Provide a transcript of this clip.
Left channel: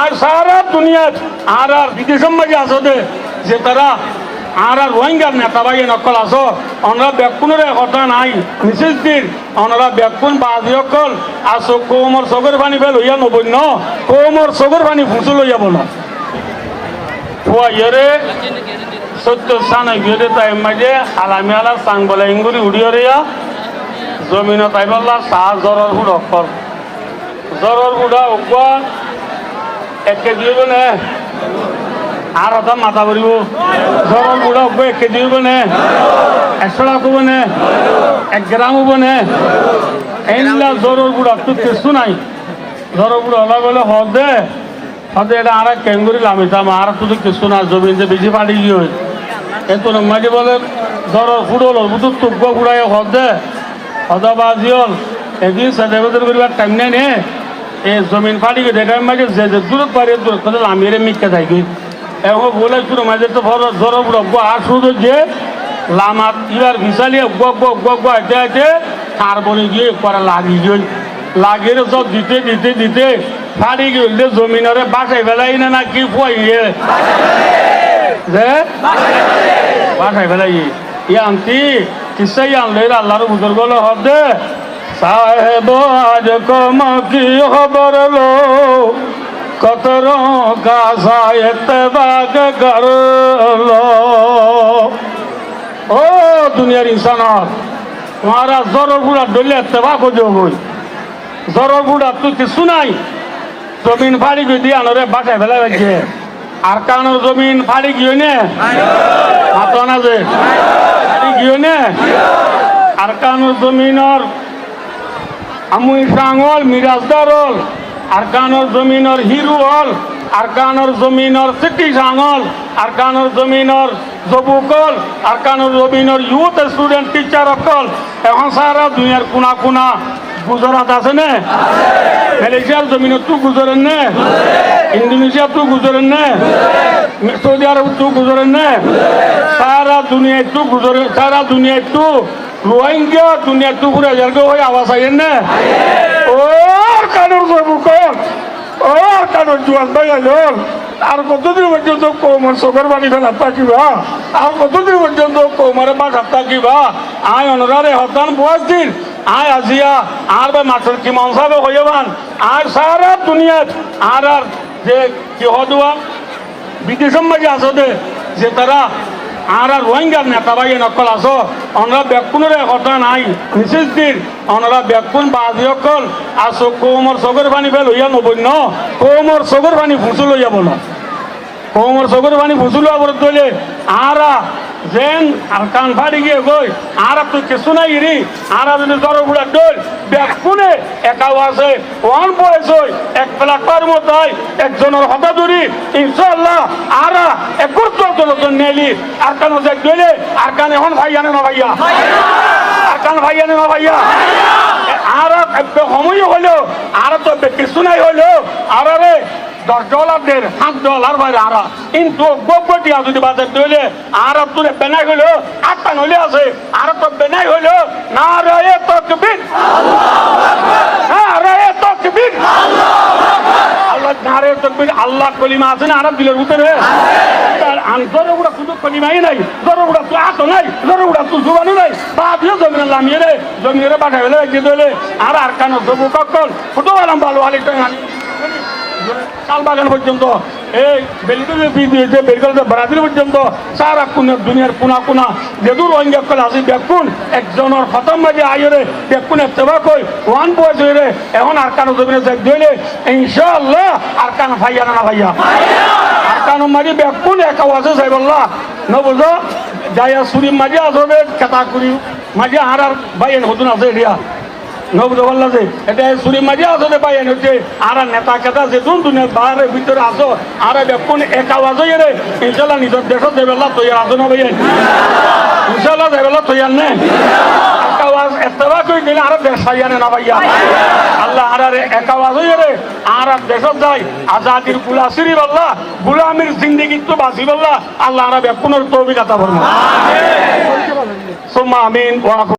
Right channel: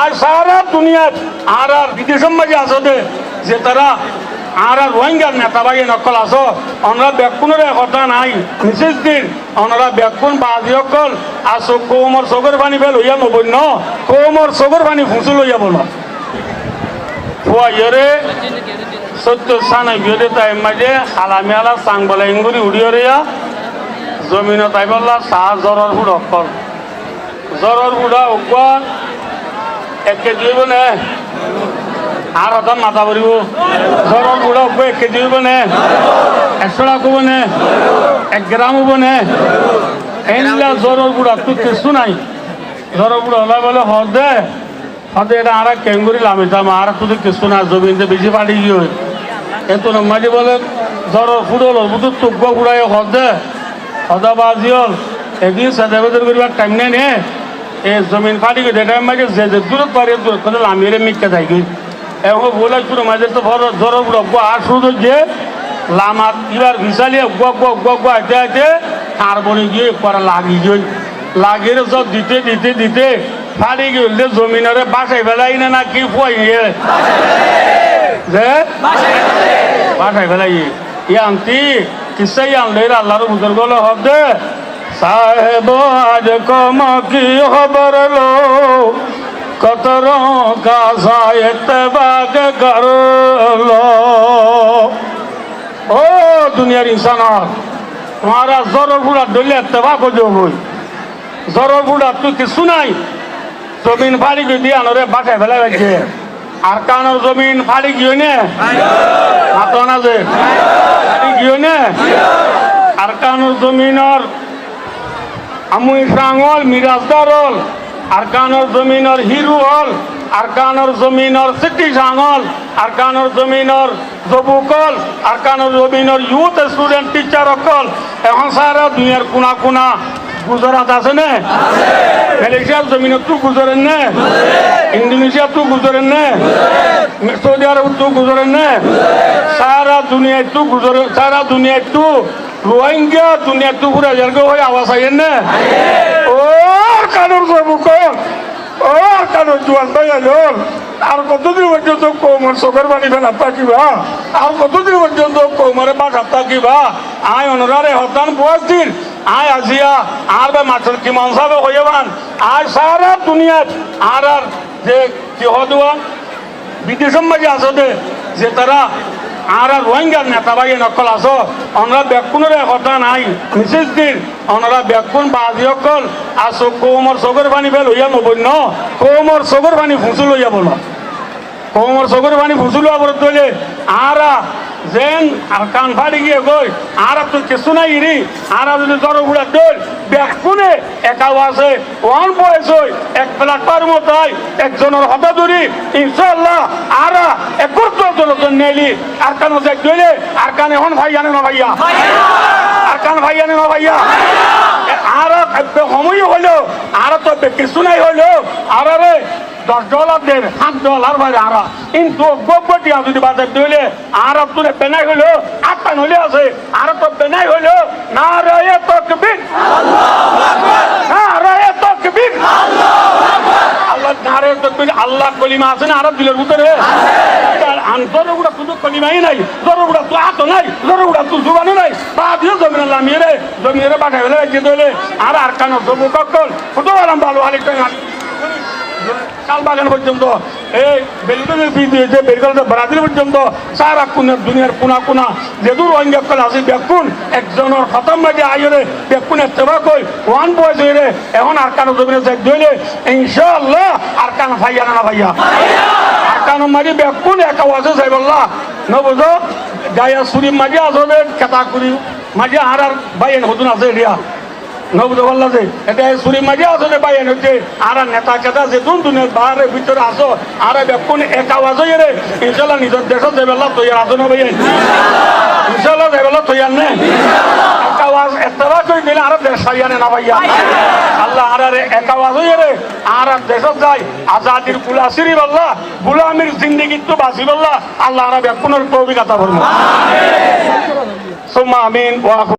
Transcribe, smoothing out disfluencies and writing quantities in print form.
আর সারা দুনিয়াত আর বিদেশের মাঝে আসতে যে তারা আর রোহিঙ্গার নেতা ভাই নকল আস আমরা ব্যাকুণের কথা নাই মিসেস দিন ওনারা ব্যাকুণ বাজি অকল আসো কোমর চগর পানি ফেল হইয়া নবই ন কোমর চগর পানি ফুসু লইয়া বলো ফুয়াইরে সত্য স্থান গিয়ে তাই মাঝে হালামিয়ালা চাং বলে ইঙ্গুরি উড়িয়া জমিন তাই বললা চাহ জ্বরের ফুড অকল জ্বরের ফুডা উকুয়া একে দিব নে আর ওটা মাথা ভরিব জ্বরের ফুডা উকুয়া একে দিব নে 100 টাকা হব নে 1 গ্রাম হব নে এইলা জ্বরের ফুডা তো কিছু নাই জ্বরের ফুডা হলা বলে হদে হদে এটা আর কেঙ্গুরি লামিতাম আর তুই কিছু না জমিন যে বেশি পাড়ি গিয়ে এত মাঝে বলে জ্বরের ফুড হল বুধ টুকুয়া ফুড়াই হদে হদা বাজি হল একদিন সাদা বদল করিবার টাইম নেই নে এই জমিন ফাটি গেছে এটা মাঝে যে দূরত পারে দূরত কথা লামিয়ে মিথ্যা থাকি এখন বলে শুরু মাঝে তো জ্বর বুড়ো আর শুরু যে লামাত ইবার ভিসালিয়ে গো হাইতে হাইতে তার বনে গিয়ে পরে লাগিয়ে সব দিতে দিতে দিতে ফাটি গেলে জমিনরে বাসাই ফেলাই না কি ফুয়াই যে বাসাই ফেলাই ই আনতি কিসাই আনলে আল্লাহর বুজুর্গ হদে সাহেব আজ কম কি খবর লো কতরোं का इत्तेबाक कर लो ओ दुनियार इंसान तुम्हारा जरो बुढ़ा डोले इत्तेबाक हो जाओ जरो बुढ़ा तू किसु नहीं जमीन फाड़ी गई दिया नरे बाटे फैला बैठे আর কানোর জমিন ফাড়ি গিয়ে নে মাতো না যে গিয়ে নে আর কানোর জমিনর আমুই প্রাঙল মিরাজদার হল আর কানোর জমিনর হিরু হল আর কানোর জমিনর সিটি সাঙল আর কানোর জমিনর যুবকল আর কানোর জমিনর ইউথ স্টুডেন্ট টিচার অকল এখন সারা দুনিয়ার কোনা কোনা গুজরাট আছে না মালয়েশিয়ার জমিনত তু গুজরেন না ইন্দোনেশিয়া তু গুজরেন না সৌদি আরব তু গুজরেন না সারা দুনিয়ায় তু গুজরে সারা দুনিয়ায় তু রোহিঙ্গা দুনিয়া তু ঘুরে যার হয়ে আওয়াজ আইয়েন না ও কানোর যুবকল ও কানোর জোয়ান ভাই আলোল আর কতদিন পর্যন্ত কৌমার চোখের বাড়ি ফেলা থাকিবা আর কতদিন পর্যন্ত কৌমারে বাঘা থাকিবা আয় অনরারে হতান বয়স দিন আয় আজিয়া আর বা মাছের কি মনসাবে হইবান আর সারা দুনিয়াত আর যে কি হদুয়া বিদেশের মাঝে আসতে যে তারা আর রোহিঙ্গার নেতা ভাই নকল আস আমরা ব্যাকুণের কথা নাই মিসেস দিন ওনারা ব্যাকুণ বাজি অকল আসো কোমর চগর পানি ফেল হইয়া নবই ন কোমর চগর পানি ফুসু লইয়া বলো কোমর চগর পানি ফুসু লওয়া বলে দলে আর যেন কান ফাড়ি গিয়ে গই আর তুই কিছু নাই রি আর যদি জ্বর বুড়া দল ব্যাকুণে একাও আছে ওয়ান বয়স হই এক প্লাটার মতাই একজনের হতা ধরি ইনশাআল্লাহ আর একর দলজন নেলি আর কান যে গেলে আর কান এখন ভাই জানে না ভাইয়া আর কান ভাই জানে না ভাইয়া আর সময় হলো আর তো কিছু নাই হলো আর রে $10 দেন $7 বাইরে আর কিন্তু গোবটিয়া যদি বাজার দিলে আর তুলে বেনাই হইলো একটা নলে আছে আর তো বেনাই হইলো না রে তাকবীর না রে তাকবীর আল্লাহ নারে তাকবীর আল্লাহ কলিমা আছে না আরব দিলের ভিতরে জরগুড়া শুধু কলিমাই নাই জরগুড়া তো আত নাই জরগুড়া তো জুবানো নাই বাদিও জমিনে লামিয়ে বাঠাই হলে গিয়ে আর কানো সবু ককল কত আরাম ভালো আলিটা শালবাগান পর্যন্ত এই ব্রাজিল পর্যন্ত সারা দুনিয়ার কোনা কোনা যেদূর রোহিঙ্গা কল আছে দেখুন একজনের খতম মাঝে আইরে দেখুন এতবা কই ওয়ান বয়স হইলে এখন আর কানো জমিনে যাই দিলে ইনশাআল্লাহ আর কান ভাইয়া না ভাইয়া আর কানো মাঝে দেখুন একা আছে সাইবল্লাহ ন বুঝো যাইয়া সুরিম মাঝে আসবে কেতা করি মাঝে আর ভাইয়া নতুন আছে এরিয়া নবদবল্লা যে এটা সুরি মাঝে আসলে বাইন হচ্ছে আর নেতা কেতা যে দুনিয়ার বাহারের ভিতরে আসো আর দেখুন এক আওয়াজ রে ইনশাল্লাহ নিজের দেশত যাইবেলা তৈয়ার আসো না ভাইয়া ইনশাল্লাহ যাইবেলা তৈয়ার নে এক আওয়াজ এতবা কই দিলে আর দেশ পাইয়ানে না ভাইয়া আল্লাহ আর এক আওয়াজ রে আর দেশত যাই আজাদির গুলাসিরি বল্লা গুলামির জিন্দেগি তো বাঁচি বল্লা আল্লাহ আর দেখুনের তৌফিক আতা ফরমা সুম্মা আমিন ওয়া